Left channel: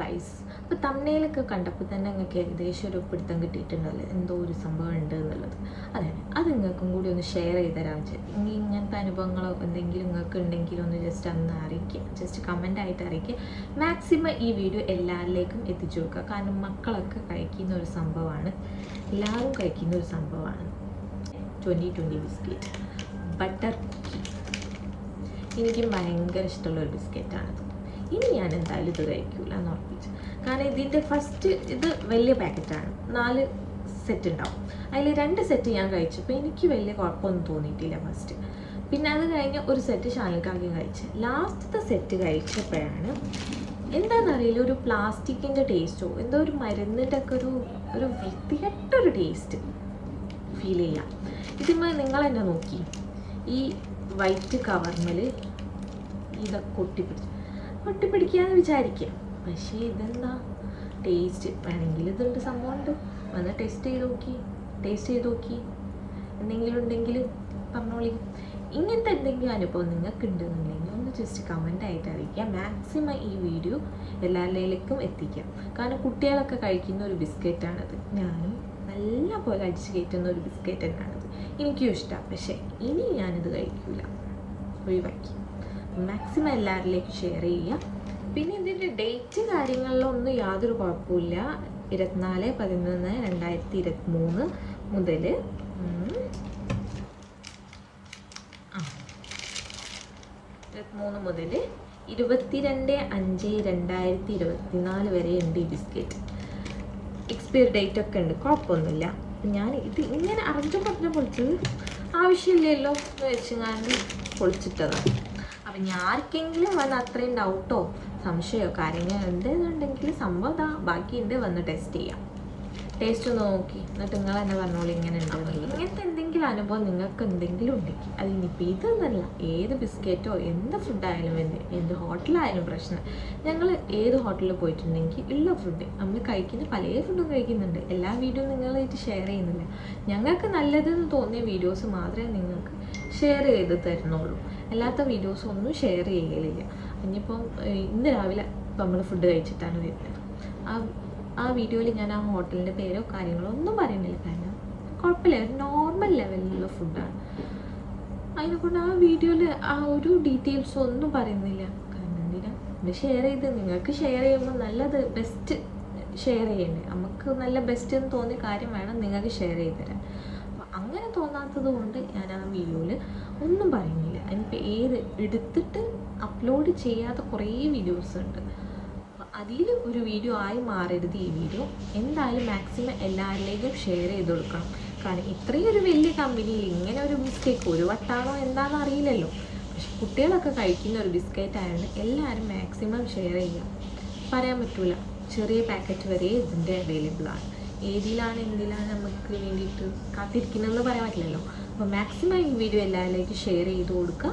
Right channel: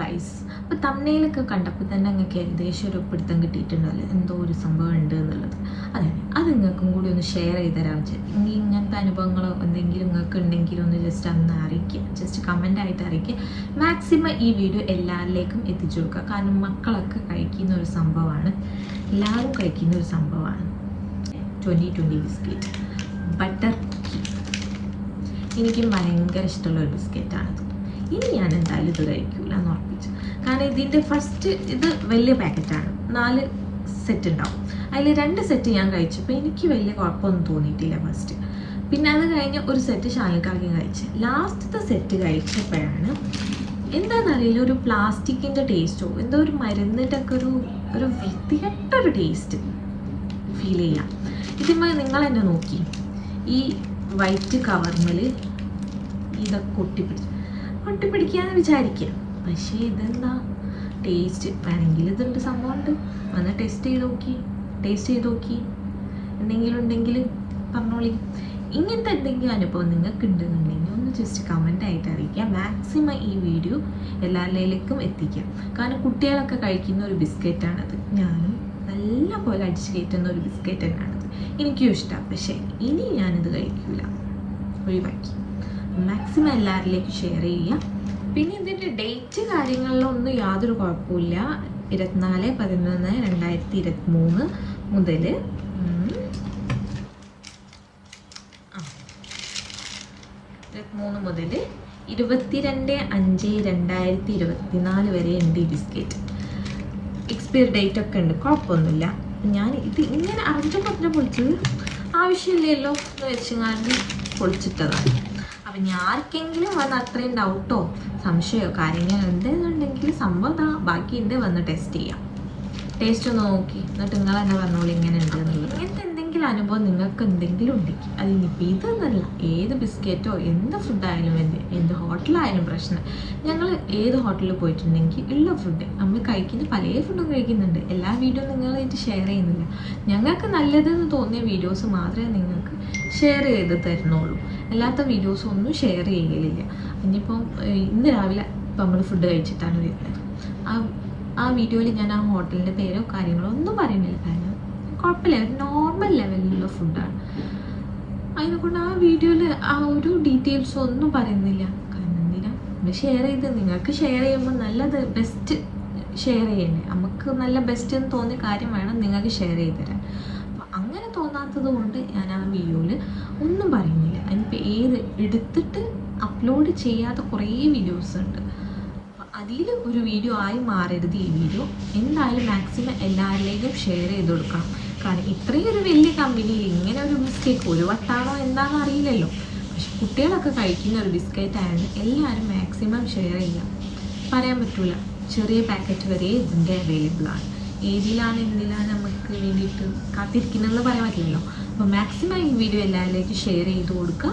Guys. അപ്പോൾ തമ്മിലൊക്കെ കണ്ടപ്പോൾ തന്നെ നിങ്ങൾക്ക് ഏകദേശം ഒരു പിടുത്തം കിട്ടിയിട്ടുണ്ടല്ലോ എന്തോ ഒരു സംഭവം ഉണ്ട് എന്നുള്ളത്. അതെ, അത് നിങ്ങൾക്കും കൂടി ഒന്ന് ഷെയർ ചെയ്ത് തരാൻ വെച്ചാൽ ഇനി ഇങ്ങനത്തെ അനുഭവങ്ങളോ എന്തെങ്കിലും നിങ്ങൾക്ക് ഉണ്ടെങ്കിലും ഒന്ന് ജസ്റ്റ് അന്ന് അറിയിക്കുക, ജസ്റ്റ് കമൻ്റായിട്ട് അറിയിക്കുക. മാക്സിമം ഈ വീഡിയോ എല്ലാവരിലേക്കും എത്തിച്ചു കൊടുക്കുക. കാരണം മക്കളൊക്കെ കഴിക്കുന്ന ഒരു സംഭവമാണ്, എല്ലാവരും കഴിക്കുന്ന ഒരു സംഭവമാണ് 2020 ബിസ്ക്കറ്റ് ബട്ടർ. എനിക്കും ഭയങ്കര ഇഷ്ടമുള്ള ഒരു ബിസ്ക്കറ്റാണത്. ഇനി ഞാൻ എന്തായാലും ഇത് കഴിക്കില്ല എന്ന് ഉറപ്പിച്ചു. കാരണം ഇതിൻ്റെ ഫസ്റ്റ് ഇത് വലിയ പാക്കറ്റാണ്, 4 സെറ്റ് ഉണ്ടാവും. അതിൽ 2 സെറ്റ് ഞാൻ കഴിച്ചപ്പോൾ എനിക്ക് വലിയ കുഴപ്പമൊന്നും തോന്നിയിട്ടില്ല ഫസ്റ്റ്. പിന്നെ അത് കഴിഞ്ഞ് ഒരു സെറ്റ് ഷാനിക്കാക്കി കഴിച്ച്. ലാസ്റ്റത്തെ സെറ്റ് കഴിച്ചപ്പോഴാണ് എന്താണെന്നറിയില്ല, ഒരു പ്ലാസ്റ്റിക്കിൻ്റെ ടേസ്റ്റോ എന്തോ ഒരു മരുന്നിട്ടൊക്കെ ഒരു വൃത്തികെട്ടൊരു ടേസ്റ്റ് ഫീൽ ചെയ്യാം. ഇതിന്മേൽ നിങ്ങൾ തന്നെ നോക്കി, ഈ വൈറ്റ് കവർന്നിൽ ഇതൊക്കെ ഒട്ടിപ്പിടിക്കാന്ന് വിചാരിക്കുക. പക്ഷേ ഇതെന്താ ടേസ്റ്റ് വേണമെങ്കിൽ ഇതുണ്ട്, സംഭവമുണ്ട്. വന്ന് ടേസ്റ്റ് ചെയ്ത് നോക്കി എന്തെങ്കിലും ഉണ്ടെങ്കിൽ പറഞ്ഞോളി. ഇങ്ങനത്തെ എന്തെങ്കിലും അനുഭവം നിങ്ങൾക്ക് ഉണ്ടെന്നുണ്ടെങ്കിൽ ഒന്ന് ജസ്റ്റ് കമൻ്റായിട്ട് അറിയിക്കുക. മാക്സിമം ഈ വീഡിയോ എല്ലാവരിലേക്കും എത്തിക്കാം. കാരണം കുട്ടികളൊക്കെ കഴിക്കുന്ന ഒരു ബിസ്ക്കറ്റാണത്. ഞാനും നല്ല പോലെ അടിച്ച് കയറ്റുന്ന ഒരു ബിസ്ക്കറ്റ് തന്നെയാണത്. എനിക്കും ഇഷ്ടമാണ്. പക്ഷേ ഇനി ഞാനിത് കഴിക്കില്ല, ഒഴിവാക്കി. മാക്സിമം എല്ലാവരിലേക്കും ഷെയർ ചെയ്യുക. പിന്നെ ഇതിൻ്റെ ഡേറ്റ് കാര്യങ്ങളിലൊന്നും യാതൊരു കുഴപ്പമില്ല. 24/11/2023 മുതൽ 22/5/2024 വരെ ഉണ്ട് ഈ ബിസ്ക്കറ്റ്. എക്സ്പയറി ഡേറ്റ് ഒക്കെ ഉണ്ട്, കുഴപ്പമൊന്നുമില്ല. ഞാൻ ഇത് ഇങ്ങനെ അറിഞ്ഞപ്പോൾ പൊളിച്ചത് ആവശ്യമില്ലല്ലോ എന്ന് വെച്ചെങ്ങാണ്ട് പൊളിച്ചിട്ടതാണ്. അപ്പം ഞാൻ ആർക്കെങ്കിലും വന്ന് അത്രയും ഡൗട്ടോ സംശയമോ കാര്യങ്ങൾ ഉണ്ടെന്നുണ്ടെങ്കിൽ സംഭവം ബാക്കിയുണ്ട്, വന്ന് ടെസ്റ്റ് ചെയ്യാം. ടേസ്റ്റ് ഒന്ന് നോക്കി എന്നിട്ട് നിങ്ങൾ തന്നെ പറഞ്ഞോളൂ ഇങ്ങനെ ഉണ്ടെന്നുള്ളത്. ഇങ്ങനത്തെ എന്തെങ്കിലും അനുഭവം നിങ്ങൾക്ക് എന്തെങ്കിലും ഉണ്ടെങ്കിൽ അതിനിപ്പോൾ ഇതെന്നല്ല, ഏത് ബിസ്ക്കറ്റോ എന്ത് ഫുഡായാലും എന്ത് ഹോട്ടലായാലും പ്രശ്നം. ഞങ്ങൾ ഏത് ഹോട്ടലിൽ പോയിട്ടുണ്ടെങ്കിൽ ഉള്ള ഫുഡ് നമ്മൾ കഴിക്കുന്ന പല ഫുഡും കഴിക്കുന്നുണ്ട്. എല്ലാ വീഡിയോ നിങ്ങളായിട്ട് ഷെയർ ചെയ്യുന്നില്ല. ഞങ്ങൾക്ക് നല്ലതെന്ന് തോന്നിയ വീഡിയോസ് മാത്രമേ നിങ്ങൾക്ക് ഷെയർ ചെയ്ത് തരുന്നുള്ളൂ. അല്ലാത്ത വീഡിയോസ് ഒന്നും ഷെയർ ചെയ്യലില്ല. ഇനിയിപ്പം ഇന്ന് രാവിലെ ഇപ്പം നമ്മൾ ഫുഡ് കഴിച്ചിട്ടാണ് വരുന്നത്. ആ വീഡിയോയിൽ ഞാൻ ആ ഹോട്ടലിൻ്റെ പേരോ കാര്യങ്ങളോ ഒന്നും പറയുന്നില്ല. കാരണം കുഴപ്പമില്ല, നോർമൽ ലെവലിലുള്ള ഫുഡാണ്. അതിനെക്കൊണ്ട് ആ വീഡിയോയിൽ ആ ഒരു ഡീറ്റെയിൽസ് ഒന്നും പറയുന്നില്ല. കാരണം എന്തിനാ നമ്മൾ ഷെയർ ചെയ്ത് നിങ്ങൾക്ക് ഷെയർ ചെയ്യുമ്പോൾ നല്ലത് ബെസ്റ്റ് ഷെയർ ചെയ്യണ്ടേ. നമുക്ക് നല്ല ബെസ്റ്റ് എന്ന് തോന്നിയ കാര്യം വേണം നിങ്ങൾക്ക് ഷെയർ ചെയ്ത് തരാൻ. അപ്പോൾ അങ്ങനെ തോന്നാത്തത് കൊണ്ട് ഞാൻ ആ വീഡിയോയിൽ ഒന്നും പറയുന്നില്ല. അതിനിപ്പോൾ ഏത് എടുത്തിട്ട് അപ്ലോഡ് ചെയ്യാത്ത കുറേ വീഡിയോസ് ഉണ്ട്. അതിൽ ഒരു വീഡിയോ ആയി മാറരുത് ഈ വീഡിയോ. എന്തായാലും മാക്സിമം എല്ലാവരിലേക്കും ഷെയർ ചെയ്ത് കൊടുക്കണം. കാരണം ഇത്രയും ഒരു വലിയ കമ്പനിയിൽ ഇങ്ങനെ ഒരു മിസ്റ്റേക്ക് ഒരു വട്ടാണോ എന്താണെന്ന് അറിയില്ലല്ലോ. പക്ഷെ കുട്ടികളൊക്കെ കഴിക്കുന്ന ഒരു ബിസ്ക്കറ്റ് ആയതുകൊണ്ട് എല്ലാവരും മാക്സിമം ഷെയർ ചെയ്യാം. പറയാൻ പറ്റില്ല, ചെറിയ പാക്കറ്റ് വരെ ഇതിൻ്റെ അവൈലബിളാണ്. ഏതിലാണ് എന്തിലാണ് നമുക്ക് വേണ്ടിയിട്ട് കാത്തിരിക്കുന്നതെന്ന് പറയാൻ പറ്റില്ലല്ലോ. അപ്പോൾ മാക്സിമം ഈ വീഡിയോ എല്ലാവരിലേക്കും ഷെയർ ചെയ്ത് കൊടുക്കുക.